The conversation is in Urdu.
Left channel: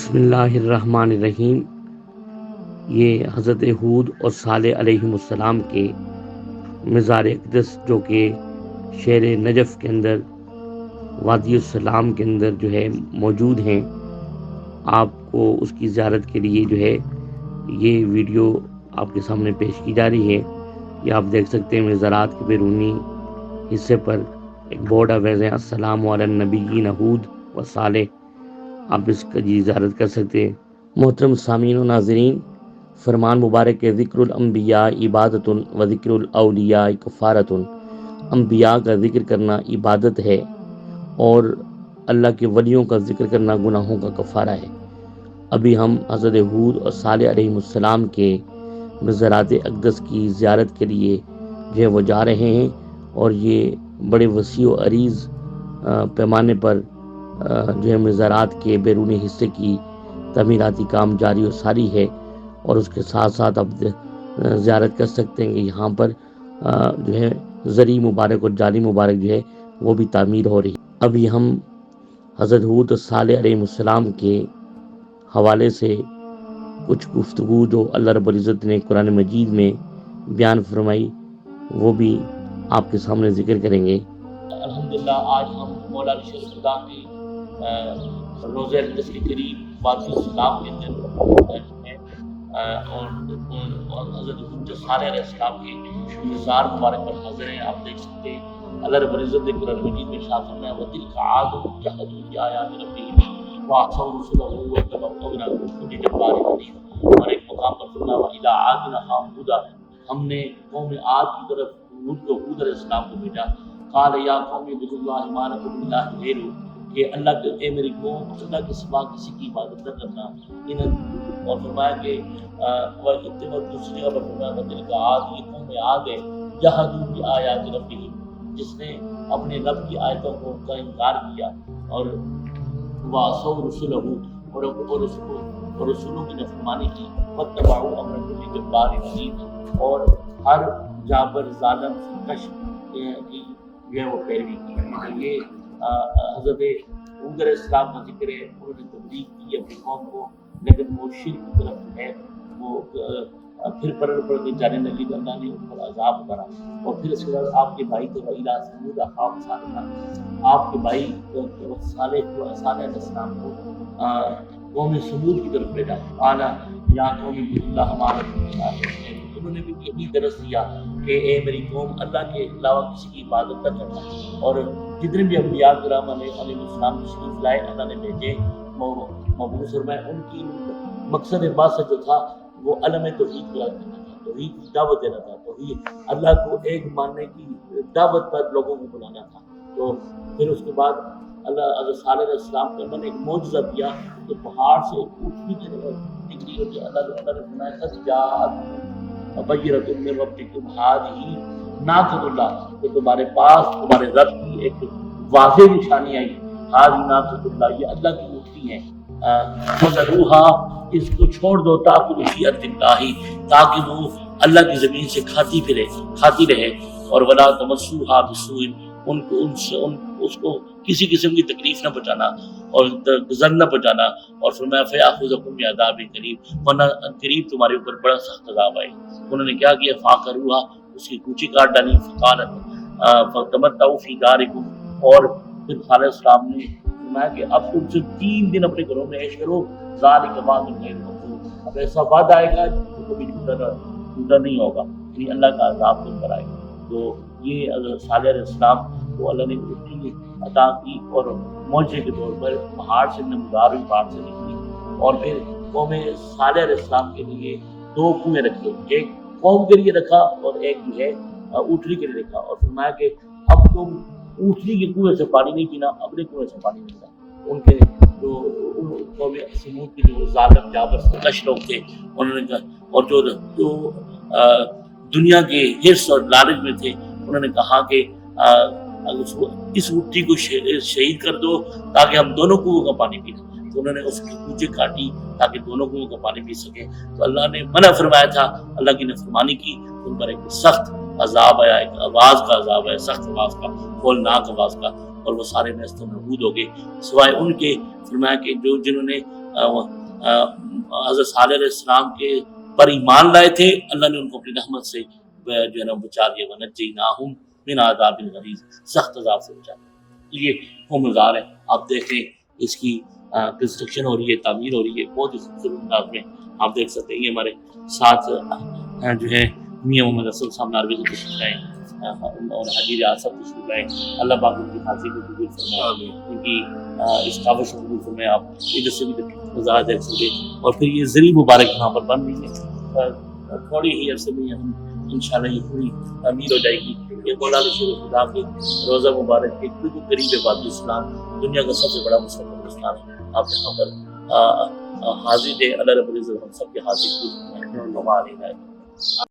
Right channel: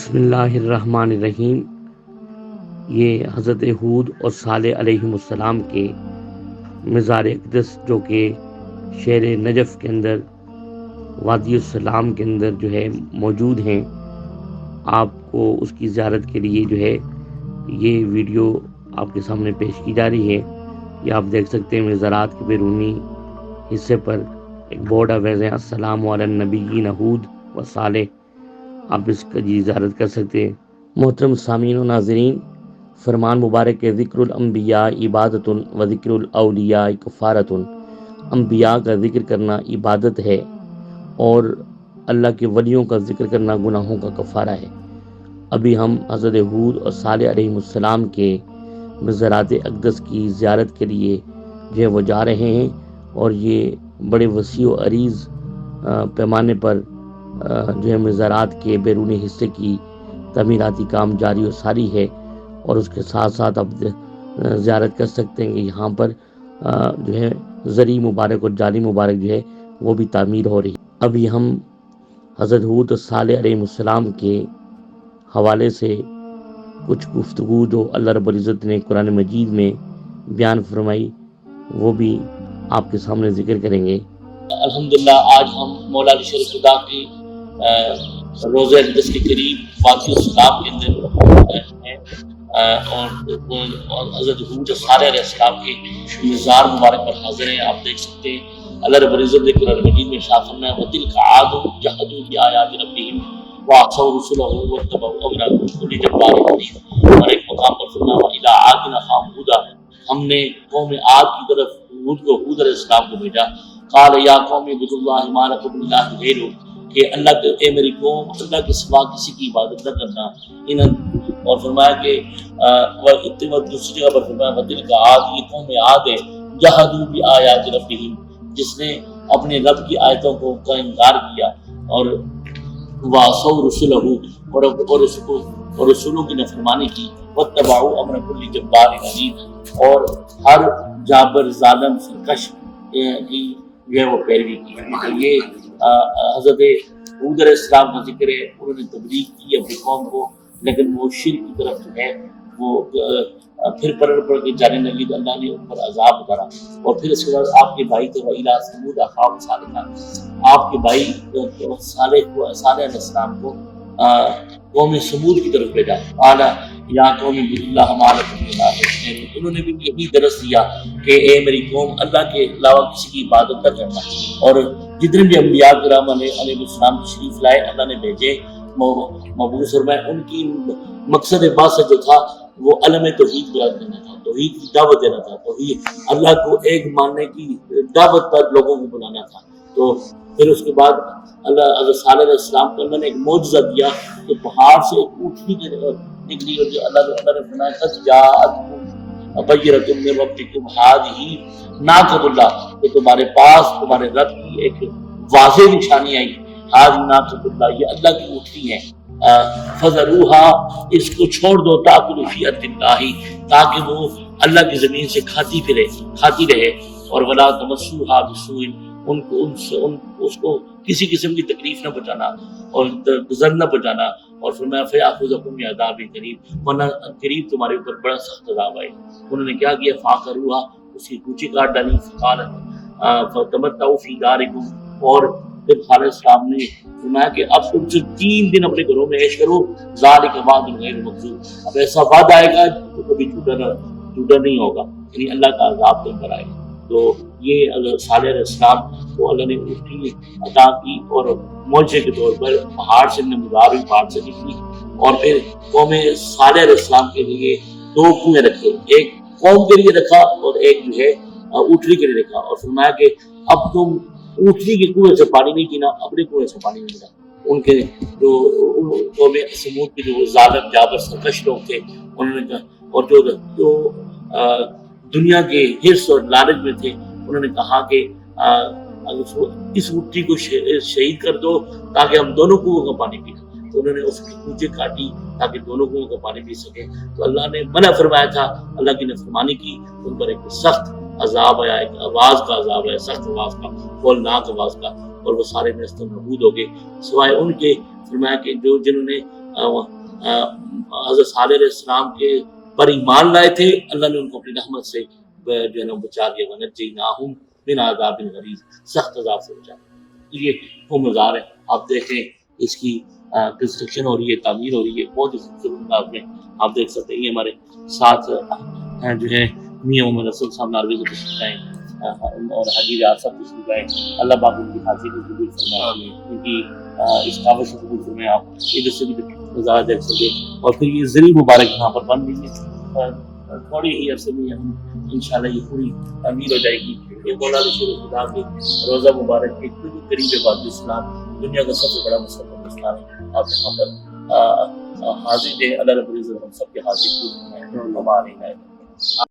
بسم اللہ الرحمن الرحیم۔ یہ حضرت ہود اور صالح علیہ السلام کے مزار اقدس جو کہ شہر نجف کے اندر وادی السلام کے اندر جو ہے موجود ہیں، آپ کو اس کی زیارت کے لیے جو ہے یہ ویڈیو آپ کے سامنے پیش کی جا رہی ہے۔ یہ آپ دیکھ سکتے ہیں مزارات کے بیرونی حصے پر ایک بورڈ آویز ہے، السلام علی النبیین ہود و صالح۔ آپ اس کا زیارت کر سکتے ہیں۔ محترم سامعین و ناظرین، فرمان مبارک ہے، ذکر الانبیاء عبادت و ذکر الاولیاء کفارت۔ انبیاء کا ذکر کرنا عبادت ہے اور اللہ کے ولیوں کا ذکر کرنا گناہوں کا کفارہ ہے۔ ابھی ہم حضرت ہود اور صالح علیہ السلام کے مزارات اقدس کی زیارت کے لیے جو ہے وہ جا رہے ہیں، اور یہ بڑے وسیع و عریض پیمانے پر جو ہے مزارات کے بیرونی حصے کی تعمیراتی کام جاری و ساری ہے، اور اس کے ساتھ ساتھ آپ زیارت کر سکتے ہیں کہ یہاں پر جو ہے زرعی مبارک اور جالی مبارک جو ہے وہ بھی تعمیر ہو رہی ہے۔ ابھی ہم حضرت ہود اور صالح علیہ السلام کے حوالے سے کچھ گفتگو جو اللہ رب العزت نے قرآن مجید میں بیان فرمائی وہ بھی آپ کے سامنے ذکر کریں گے۔ الحمدللہ آج ہم مولا علی شریف خدا کی روزہ اقدس کے قریب وادی السلام کے اندر ہیں، اور حضرت ہود صالح علیہ السلام کے مزار مبارک پر حاضر ہیں۔ آپ دیکھ سکتے ہیں اللہ رب العزت نے قرآن مجید میں ارشاد فرمایا وَتِلْكَ عَادٌ جَحَدُوا بِآيَاتِ رَبِّهِمْ وَعَصَوْا رُسُلَهُ وَاتَّبَعُوا أَمْرَ كُلِّ جَبَّارٍ عَنِيدٍ۔ اور ایک مقام پر فرمایا وَإِلَىٰ عَادٍ أَخَاهُمْ هُودًا، ہم نے قوم عاد کی طرف ہود علیہ السلام کو بھیجا۔ قال یا قوم اعبدوا اللہ ما لکم من الہ غیرہ، کہ اللہ کے اے میری قوم اللہ کے سوا کسی کی عبادت نہ کرنا۔ اور فرمایا کہ دوسری جگہ پر فرمایا وَتِلْكَ عَادٌ، یہ قوم عاد ہے، جَحَدُوا بِآيَاتِ رَبِّهِمْ، جس نے اپنے رب کی آیتوں کا انکار کیا، اور وَعَصَوْا رُسُلَهُ، اور رسولوں کی نافرمانی کی، وَاتَّبَعُوا أَمْرَ كُلِّ جَبَّارٍ عَنِيدٍ، اور ہر جابر ظالم سرکش کی جو ہے وہ پیروی کی۔ یہ حضرت ہود علیہ السلام کا ذکر ہے، انہوں نے تبلیغ کی اپنی قوم کو، لیکن وہ شرک کی طرف جو ہے وہ پھر پڑ کے جانے لگی، تو اللہ نے ان پر عذاب اتارا۔ اور پھر اس کے بعد آپ کے بھائی تھے وَإِلَىٰ ثَمُودَ أَخَاهُمْ صَالِحًا، آپ کے بھائی صالح علیہ السلام کو قوم سمود کی طرف بھیجا۔ قال یا قوم اعبدوا اللہ ما لکم من الہ غیرہ، انہوں نے بھی یہی درس دیا کہ اے میری قوم اللہ کے علاوہ کسی کی عبادت نہ کرنا۔ اور جتنے بھی انبیاء کرام علیہ السلام تشریف لائے، اللہ نے بھیجے، مبعوث فرمائے، ان کی مقصد بعثت جو تھا وہ علم توحید بیان کرنا تھا، توحید کی دعوت دینا تھا، توحید اللہ کو ایک ماننے کی دعوت پر لوگوں کو بلانا تھا۔ تو پھر اس کے بعد اللہ حضرت صالح علیہ السلام کو اللہ نے ایک معجزہ دیا کہ پہاڑ سے ایک اونٹنی نکلی، اور جو اللہ نے فرمایا قد جاءتکم بینۃ من ربکم ھذہ ناقۃ اللہ، کہ تمہارے پاس تمہارے رب کی ایک واضح نشانی آئی، ھذہ ناقۃ اللہ، یہ اللہ کی اونٹنی ہے، فذروھا، اس کو چھوڑ دو، تاکل فی ارض اللہ، تاکہ وہ اللہ کی زمین سے کھاتی رہے، اور ولا تمسوھا بسوء، اس کو کسی قسم کی تکلیف نہ پہنچانا اور گزر نہ پہنچانا۔ اور فرمایا فیاخذکم بعذاب قریب، ورنہ قریب تمہارے اوپر بڑا سخت عذاب آئے۔ انہوں نے کیا کیا، فعقروھا، اس کی کوچی کاٹ ڈالی، فقالت فتمتعوا فی دارکم، اور پھر صالح السلام نے فرمایا کہ اب تم سے 3 دن اپنے گھروں میں عیش کرو، ذالک وعد غیر مکذوب، اب ایسا وعدہ آئے گا تو کبھی جھوٹا نہیں ہوگا، یعنی اللہ کا عذاب تم پر آئے گا۔ تو یہ صالح علیہ السلام کو اللہ نے اونٹنی عطا کی، اور معجزے کے طور پر پہاڑ سے نمودار ہوئی، پہاڑ سے نکلی۔ اور پھر قوم صالح علیہ السلام کے لیے 2 کنویں رکھے، ایک قوم کے لیے رکھا اور ایک جو ہے اونٹنی کے لیے رکھا، اور فرمایا کہ اب تم اونٹنی کے کنویں سے پانی نہیں پینا، اپنے کنویں سے پانی نہیں پینا۔ ان کے جو قوم سمود کے جو ظالم جابر سرکش لوگ تھے، انہوں نے کہا، اور جو دنیا کے حرص اور لالچ میں تھے، انہوں نے کہا کہ اس اونٹنی کو شہید کر دو تاکہ ہم دونوں کنویں کا پانی پی لیں۔ تو انہوں نے اس کی کوچے کاٹی تاکہ دونوں کنویں کا پانی پی سکیں۔ تو اللہ نے منع فرمایا تھا، اللہ کی نافرمانی کی، ان پر ایک سخت عذاب آیا، ایک آواز کا عذاب آیا، سخت آواز کا، ہولناک آواز کا، اور وہ سارے نیست و نابود ہو گئے، سوائے ان کے فرمایا کہ جنہوں نے حضرت صالح علیہ السلام کے پر ایمان لائے تھے، اللہ نے ان کو اپنی رحمت سے جو ہے نا بچا دیا، وَنَجَّيْنَاهُمْ مِنْ عَذَابٍ غَلِيظٍ، سخت عذاب سے بچا دیا۔ یہ وہ مزار ہے، آپ دیکھیں اس کی کنسٹرکشن ہو رہی ہے، تعمیر ہو رہی ہے، بہت ہی خوبصورت انداز میں آپ دیکھ سکتے ہیں۔ یہ ہمارے ساتھ جو ہے میاں محمد رسول صاحب ناروی سے تشریف لائے اور حاجی ریاض صاحب تشریف لائے، اللہ پاک ان کی حاضری کو قبول فرمائے، ان کی اس کاوش کو قبول فرمائے۔ آپ ادھر سے بھی نظارہ دیکھ سکتے ہیں، اور پھر یہ زری مبارک یہاں پر بن رہی ہے، تھوڑی ہی عرصے میں ہم انشاءاللہ یہ پوری تعمیر ہو جائے گی۔ یہ مولانا شیر خدا کے روزہ مبارک کے بالکل قریب ہے باد اسلام، دنیا کا سب سے بڑا مستقبل اسلام ہے۔ آپ یہاں پر حاضر دے، اللہ رب العزت ہم سب کے حاضر کو ہمارے